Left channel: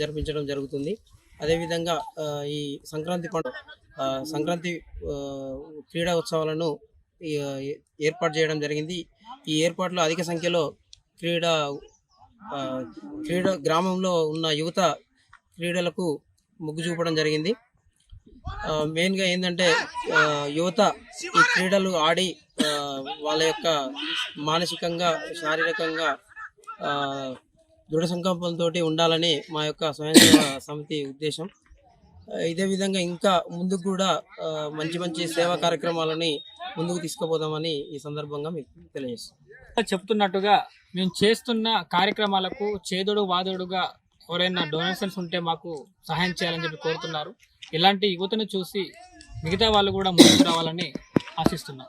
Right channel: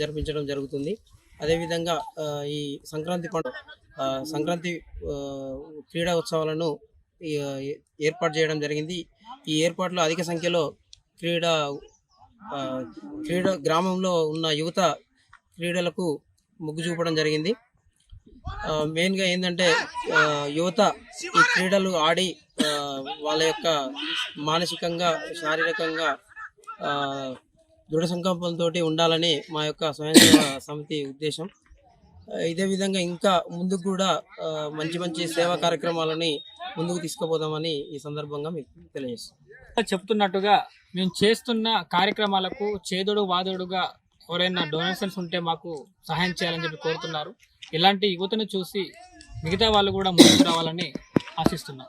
జరిపించడం జరుగుతుంది. అదేవిధంగా ఈ సంక్రాంతి పండుగ సంక్రాంతి క్రీడా ఉత్సవాలను ఏర్పాటు చేయడం జరిగింది. ఈ ఏర్పాట్లో అధిక సంఖ్యలో క్రీడా గ్రామంలో ఉన్న యువత క్రీడలకు మొగ్గు చూపడం జరిగింది. మెయిన్గా ఏంటంటే యువత ఈ క్రీడలు ఆడి వాళ్ళ యొక్క మానసికంగా శారీరకంగా దృఢ సంకల్పంతో ఉండాలని మా యొక్క స్వయం సేవా సమితి ఉద్దేశం. ఇదే విధంగా ఇంకా ముందుకు కూడా మంచి మంచి సేవా కార్యక్రమాలని ముందుకు తీసుకుపోదామని ఈ సందర్భంగా మీకు తెలియజేస్తాం. చెప్తున్నట్టుగా మేము చేస్తున్న కార్యక్రమాలకు చేదోడు వాదోడుగా ఎవరైనా డొనేషన్స్ ఉంటే మాకు సహాయం చేయాలని చెప్పి కోరుతున్నారు. ఇలాంటి యువతను చూసి మిగతా వాళ్ళు కూడా ముందుకు రావాలని ఆశిస్తున్నాం.